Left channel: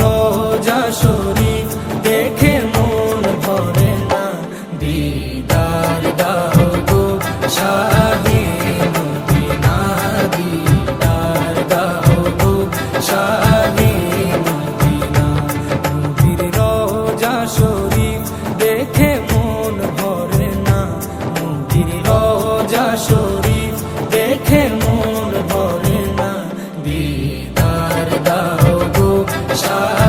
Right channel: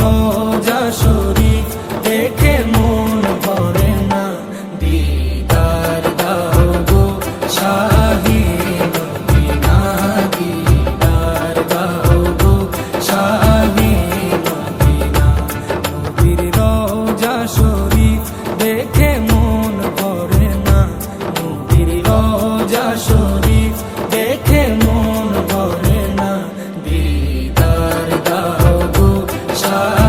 রোজা শরীফ দেখে মন ভরে না, দিদার দাও গো শাহে মদিনা, দিদার দাও গো শাহে মদিনা। নবীর রোজা শরীফ দেখে মন ভরে না, নবীর রোজা শরীফ দেখে মন ভরে না, দিদার দাও গো শাহে